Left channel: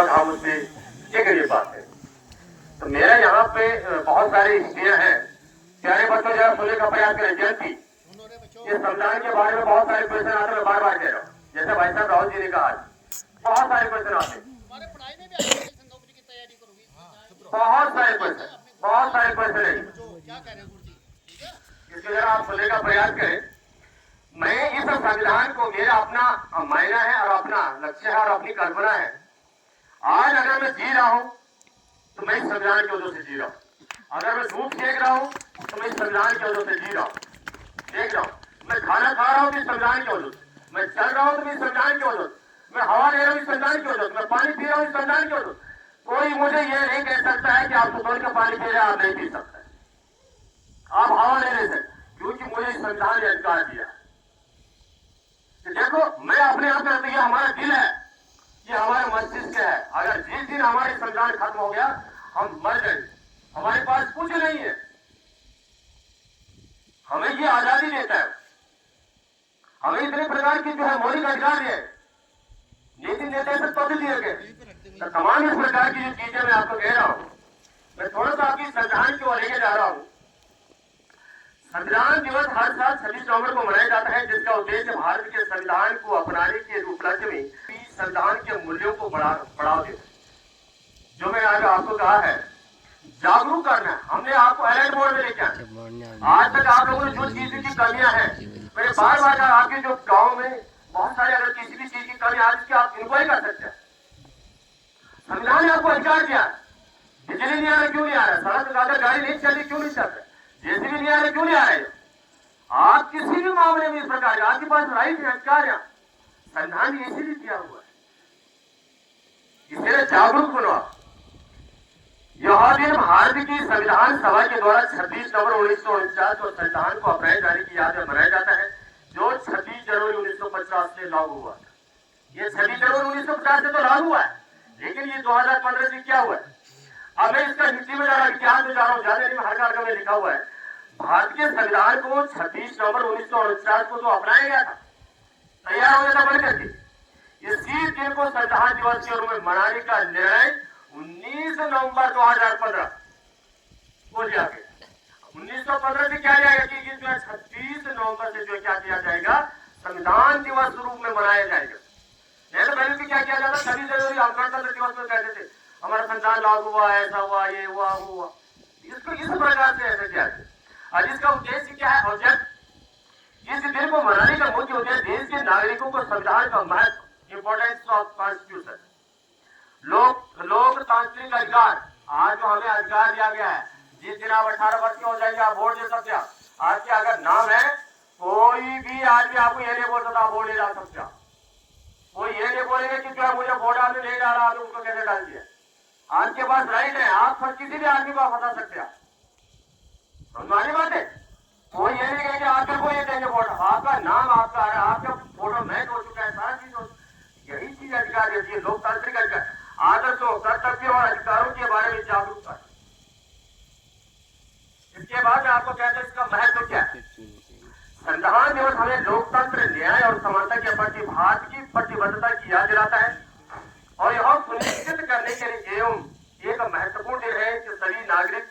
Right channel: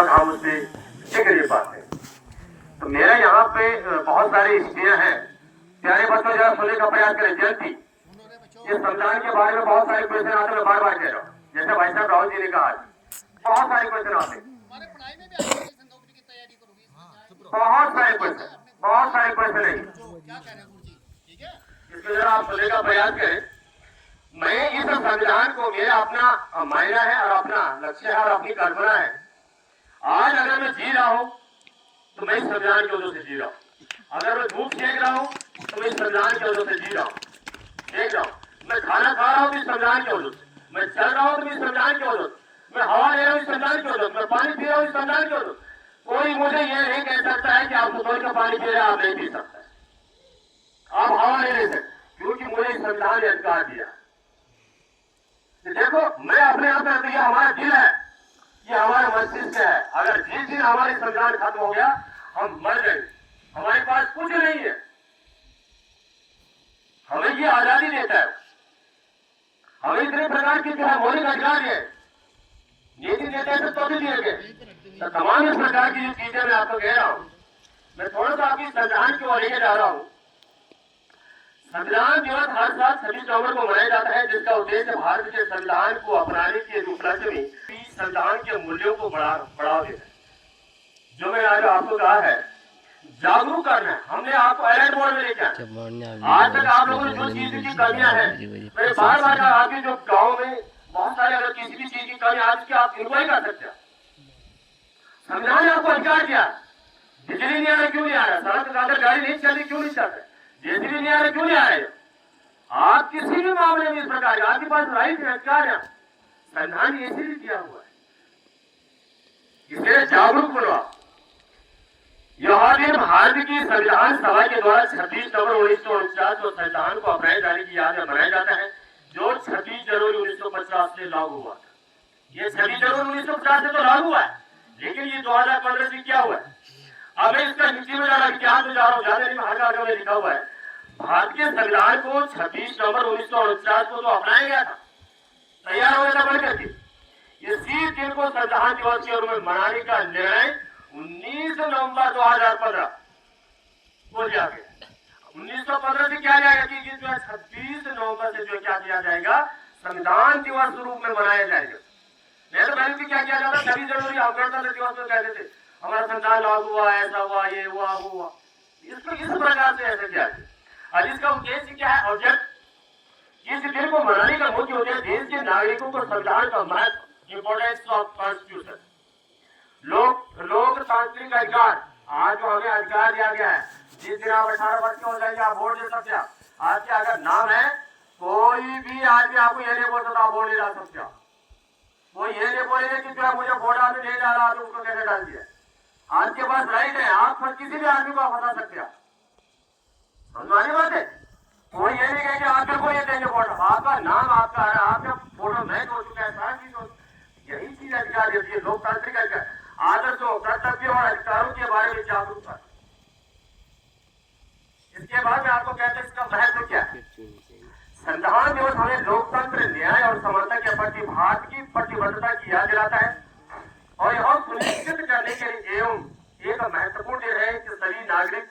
हम उससे ये कर पाते। तो मेरा यहाँ पे बहुत सारी स्त्रियां हैं, प्यारे बच्चों जरा सुनने का प्रयास करें। जयंती, ये संविधान के बारे में बहुत सारे क्वेश्चन आते हैं, बार बार कह रहा हूँ, जैसे भाई साहब राहुल जी ने कहा बहुत सारे क्वेश्चन आते हैं, बहुत सारे क्वेश्चन है। इसको जरा आप सुनने का प्रयास करें। मैं इस संविधान को मेरा अपना मायना है और अपना लक्ष्य है और अपनी कल्पना है। आज अगर मैं जी रहा हूं तो मैं संविधान की वजह से जी रहा हूं। अगर मैं धूप सेक रहा हूं तो मैं संविधान की वजह से जी रहा हूं। देख रहा हूं, मैं खाना खा रहा हूं तो संविधान की वजह से, मैं चल रहा हूं तो संविधान की वजह से, मैं हवा ले रहा हूं संविधान की वजह से, मैं पानी पी रहा हूं संविधान की वजह से। कोई मुझे ये नहीं कह सकता है कि आप सुबह का पानी पी रहे आप नहीं पी सकते, आप हवा नहीं ले सकते, क्योंकि मुझे संविधान ने अधिकार दिया। देखो, मैं अपने आप में ये हमारा दिल है, ये हमारा मस्तिष्क है। अगर जिस दिन हमारे संविधान खत्म हो गया हम मर गए, हमारे पास कुछ नहीं है। हमें ये आजादी देता है, हमें इतने प्रकार की जो है मौलिक अधिकार है, लेकिन देते हैं तो भी दिए गए। तमाम इस प्रकार की जो चीजें मैं आपको कह रहा हूँ, मैं थोड़ा सा आपकी संविधान की ओर लेके जा रहा हूँ। संविधान दिवस हर साल 26 नवंबर को मनाया जाता है, जिसका उद्देश्य भारत के संविधान को अपनाने के उपलक्ष्य में संविधान के मूल्यों को बढ़ावा देना। जो मैं आज आपको कहा है, जागरूक करना है। हमने आपको अलर्ट मोड में लेके आज तक आप लोगों ने जो चीज की कमियां हैं, मैं बार बार आपके जो गाँव में बहुत सारे अगर किसी भी चीज की कमी आज की आप इंक्वायरी कर सकते हैं। संविधान ने आपको अधिकार दिया, बिजली नहीं आ रहा क्यों नहीं आ रहा, सड़क अगर गाड़ी नहीं चल रही क्यों नहीं चल रही, जेसीबी नहीं आ रहा क्यों नहीं आ रहे। आप किसी भी मामले में इस प्रकार आपके पास राइट है, अधिकार है, संविधान ने इसीलिए दिया हुआ है। इसे जागरूक बनो। यह दिन भारत की संविधान सभा के द्वारा 26 नवंबर 1949 को संविधान को अपनाए जाने की याद में मनाया जाता है, जो 26 जनवरी 1950 से लागू हुआ। ये 26 जनवरी 1950 से तो लागू हुआ है, लेकिन ये 2015 से क्या हुआ है। अब इसका हिंदी में क्या तो जा रहा हूँ, ज्यादा नहीं, हर में लिखा हुआ है भारत के संविधान को 26 नवंबर 1949 को तो अपनाया गया था, तैयार होने था बढ़ करके। इसी दिन को संविधान दिवस के रूप में मनाने का निर्णय 19 नवंबर 2015 को लिया गया। 1915 से क्या लिया गया कि इसमें 26 नवंबर से जो क्या किया जाएगा, संविधान दिवस रूप में मनाया जाएगा। नहीं तो पहले क्या किया जाता, 26 जनवरी हम गणतंत्र दिवस में कहते थे हमारा संविधान लागू हुआ, ऐसा हुआ, ये हुआ, वो हुआ। इसको इस प्रकार से ऐसा किया जाए। और इसका उद्देश्य क्या है, ऑब्जेक्ट इस दिन को मनाने का मुख्य उद्देश्य देश के नागरिकों को संविधान का महत्व, इंपोर्टेंस ऑफ कॉन्स्टिट्यूशन, लोकतांत्रिक अधिकार, आज जो हमें अधिकार दिया गया है, जिस दिन आप 18 वर्ष के हो जाएंगे आप वोट दे सकते हैं। आज के अगर नाम है, कोई भी आदमी आपको ये नहीं बोल सकता आप वोट नहीं डाल सकते। कोई ये नहीं बोलेगा कि जो मुझे वोट डालने नहीं डाला तो उसको कैसे डाल दिया। आपके पास राइट है, आप किसी भी आदमी को बता सकते हैं। समझाने बात है, कोई ये नहीं कहेंगे आप सबको ये देंगे वोट, आपका नाम आपका है, आपका फोटो मैच हो चुका है, सारा चीज हो। यही चीज अधिकार देती है, लोकतांत्रिक अधिकार, आदर्शों, कर्तव्यों और अधिकारों के बारे में जागरूकता। इसके बाद में आपको कहते हैं इसका महत्व क्या है। संविधान दिवस हमें लोकतंत्र, न्याय और समानता के प्रति भारत की प्रतिबद्धता की याद दिलाता है और यह सुनिश्चित करने के लिए एवं एक महत्वपूर्ण दिन है कि सभी नागरिक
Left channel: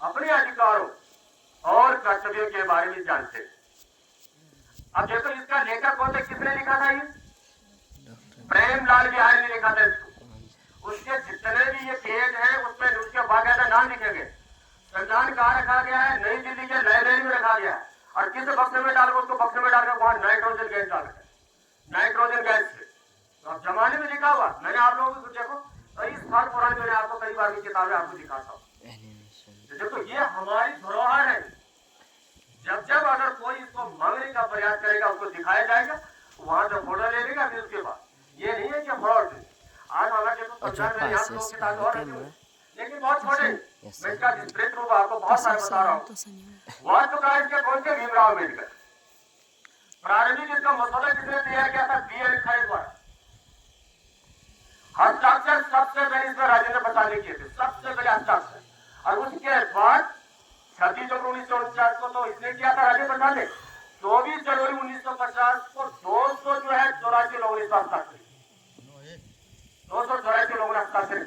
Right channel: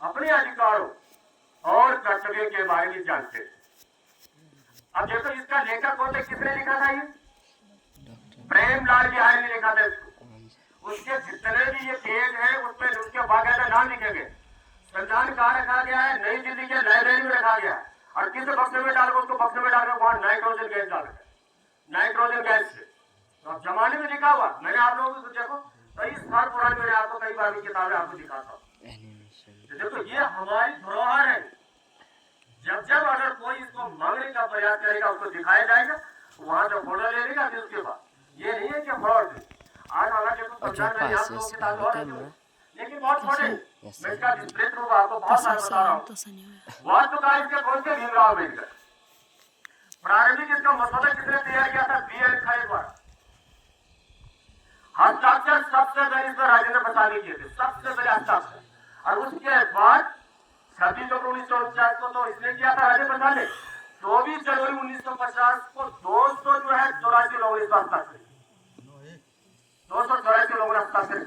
अपने अधिकारों और कर्तव्यों के बारे में जानते हैं। अब देखो इसका लेखक कौन था, किसने लिखा था, ये प्रेमलाल बिहारी ने लिखा था इसको। उसके जितने भी ये पेज है उसमें उसके बाकायदा नाम लिखे गए। संविधान कहाँ रखा गया है, नई दिल्ली के लाइब्रेरी में रखा गया है, और किस बक्से में डालकर उसको बक्से में डालकर वहां नाइट्रोजन गैस डाल है, नाइट्रोजन गैस से। तो अब जमाने में लिखा हुआ, मैंने आप लोगों को देखो कई साल पुरानी, मैंने आपको कई बार की किताबें आपको दिखाता हूँ। देखो ये हमारी धरोहर है, जब जब अगर कोई इसको मांगने का प्रयास करेगा उसको दिखाया जाएगा, वहां से फोटो ले लेगा, फिर उसके बाद ये नहीं है कि फ्रॉड है। आज हमारा देखो लेकिन बहुत छोटे, मैं इसका डिस्प्लेट रूप आपको बहुत सारा बता रहा हूँ। वास्तुकार इसके कौन से भीमराव अम्बेडकर, प्रारंभिक इसका मसौदा किसने तैयार किया था, BL खरे द्वारा। हस्ताक्षर सबसे पहले इसमें राजेंद्र प्रसाद ने किए थे, सबसे पहले हस्ताक्षर, और उसके बाद 26 जनवरी 1949 को तो इसने किया था राजेंद्र प्रसाद ने, 24 जनवरी 1950 को 200 जो है 84 लोगों ने हस्ताक्षर, 284 लोगों ने आपका फिर